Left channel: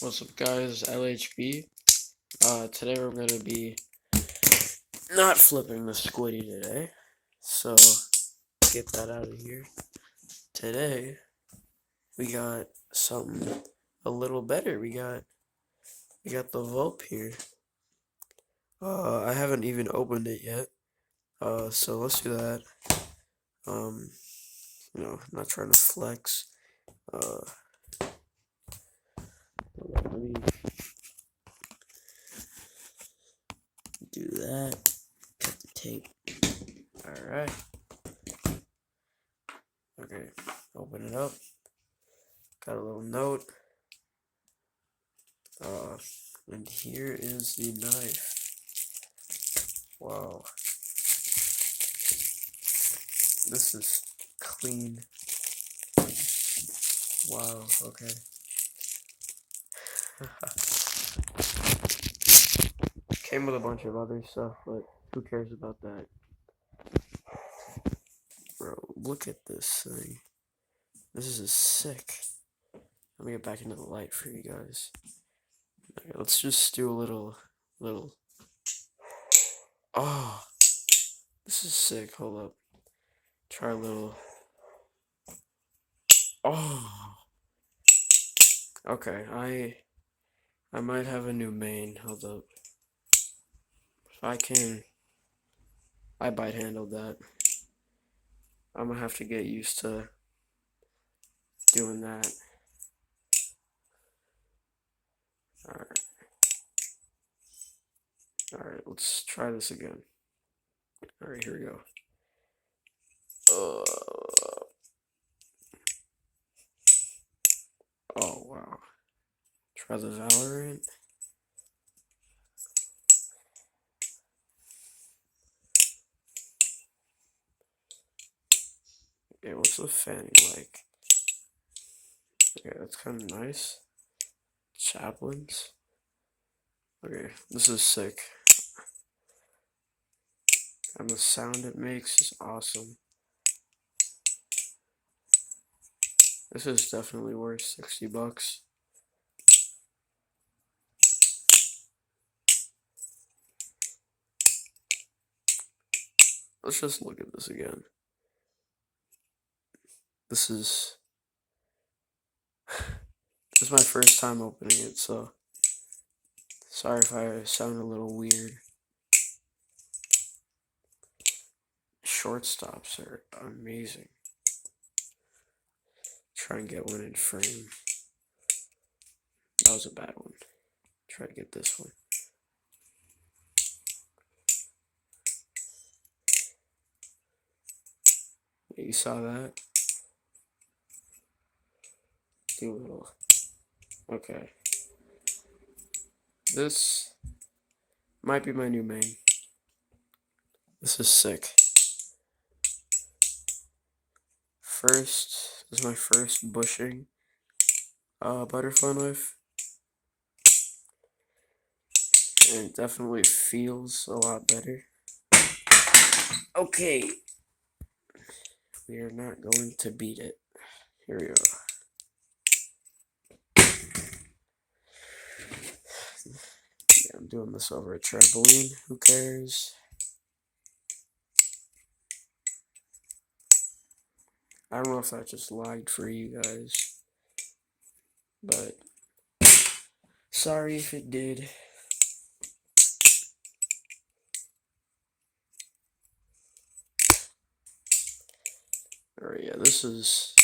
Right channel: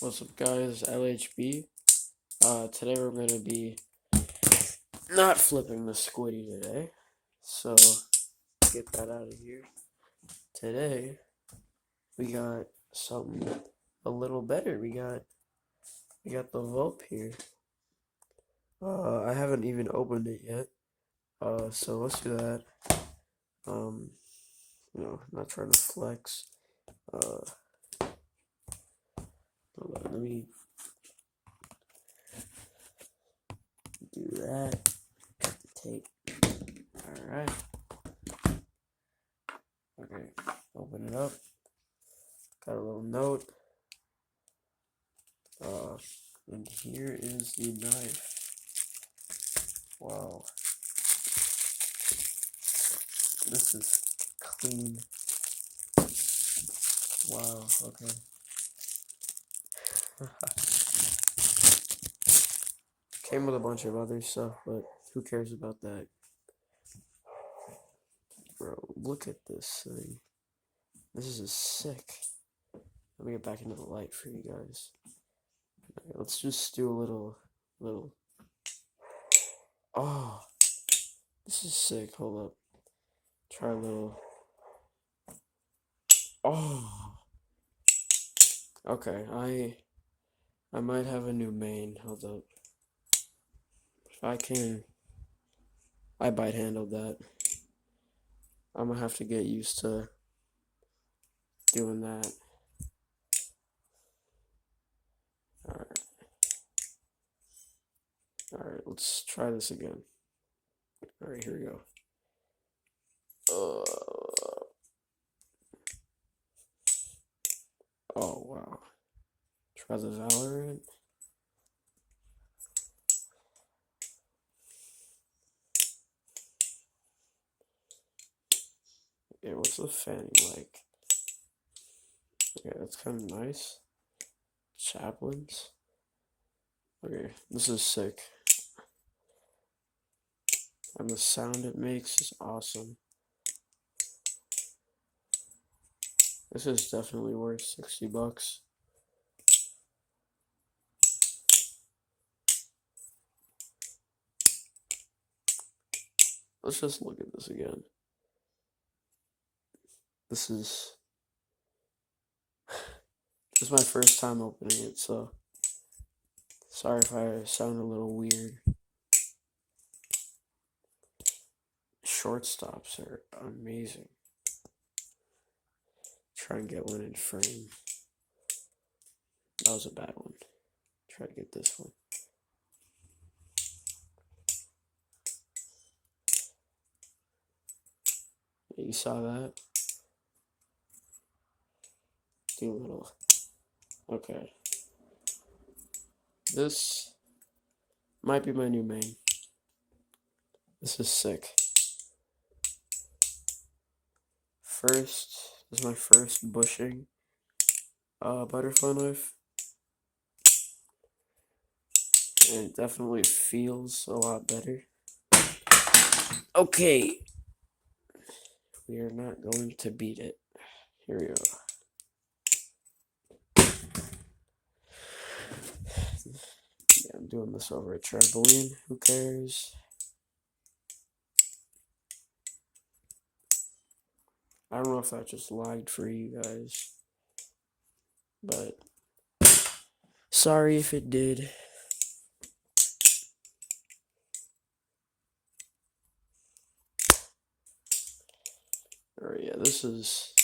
What's up, guys? LHB. Today we're gonna be not flipping the squiddy today, so get that out of here. Today we got something a little better. We got the Vulp here. I haven't even opened it yet. So let's do that. Um, not trying to flex. Hold on, let me do that. Cut the tape. All right. Okay, open it up. Got a little note. And here is the knife. Wow. This is clean. Wow, okay. Came with a bunch of other stuff, but who cares about that? Bro, look at this thing. This is sick. Let me get back into the light for you guys. Okay, let's just do a little. Oh, this is sick. Hold up. Try a little. Oh. Okay, I might have a new main. Hold up. If I can. I bite handled that. I'm gonna have to get used to doing that. Alright. Alright, let's try this again. Alright, here we go. Oh, wow. Try the Valorant. Okay, what's the fanning like? Okay, that's kind of nice. Chaplains. Okay, this is sick. And the sound it makes is awesome. This is definitely worth $60. Let's just look at this again. This is my first time opening it, so sorry if I sound a little weird. Shortstops are amazing. Try and get one in frame. That was a bad one. Try to get this one. Yeah, you saw that? Do a little. Okay. This might be my new main. This is sick. This is my first bushing butterfly knife. And it definitely feels a lot better. Okay. We are not going to beat it. Here we go. Yeah, I'm doing this over a trampoline. Who cares? I don't know if that just lagged for you guys, but sorry if it did. Alright, yeah, this is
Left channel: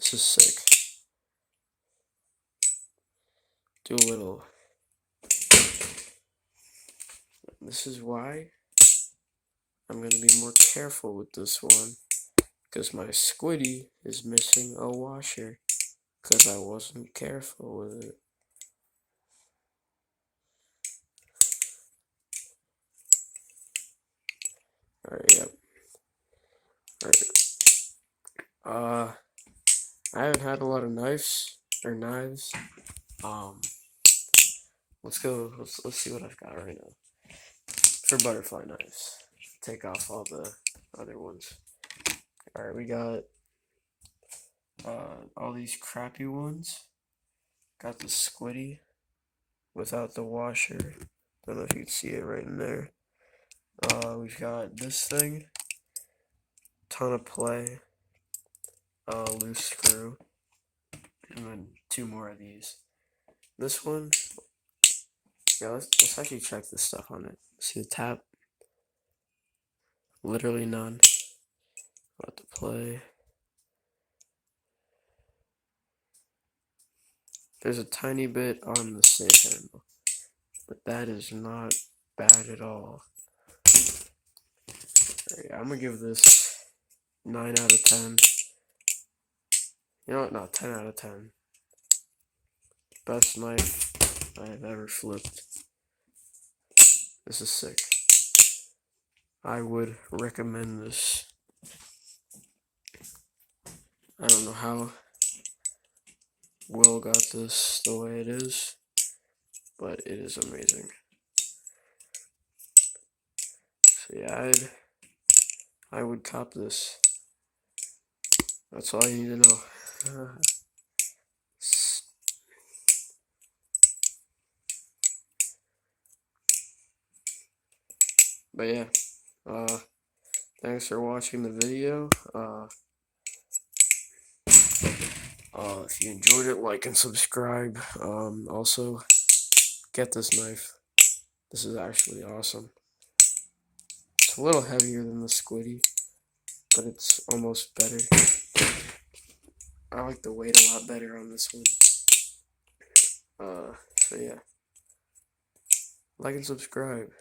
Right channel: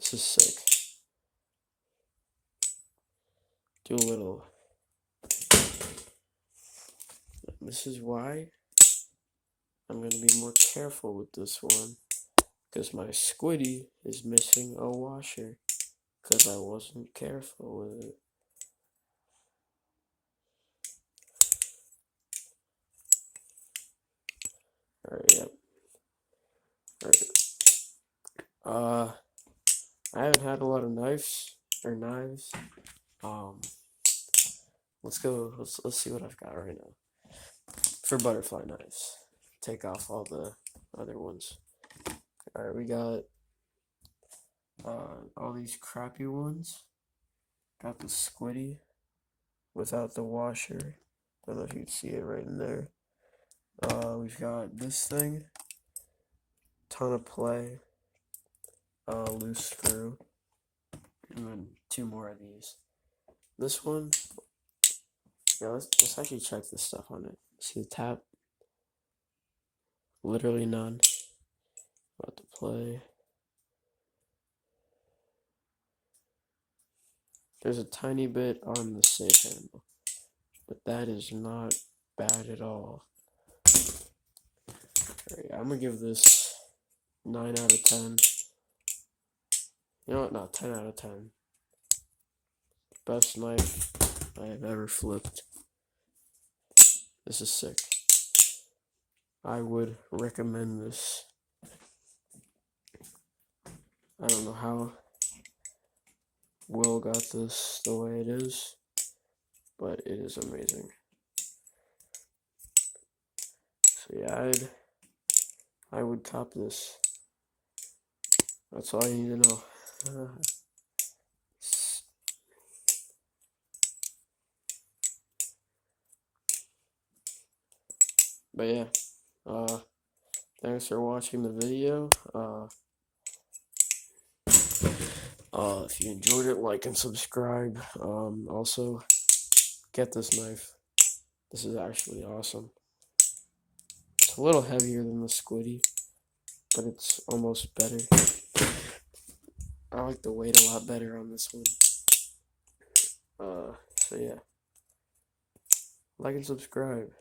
sick. Do a little. This is why I'm gonna be more careful with this one, because my squiddy is missing a washer, because I wasn't careful with it. Alright, yep. Alright. I haven't had a lot of knives. Let's go. Let's see what I've got right now for butterfly knives. Take off all the other ones. Alright, we got all these crappy ones. got the squiddy without the washer. Don't know if you can see it right in there. We've got this thing, ton of play, loose screw, and then 2 more of these. This one, yeah, let's actually check this stuff on it. See the tap? Literally none. About to play. There's a tiny bit on the safe handle, but that is not bad at all. Alright, I'm gonna give this 9 out of 10. You know what? No, 10 out of 10. Best knife I have ever flipped. This is sick. I would recommend this. I don't know how Will got this the way it is, but it is amazing. So yeah, I would cop this. That's all you need to know. But yeah, thanks for watching the video. If you enjoyed it, like and subscribe. Also, get this knife. This is actually awesome. It's a little heavier than the squiddy, but it's almost better. I like the weight a lot better on this one. So yeah, like and subscribe.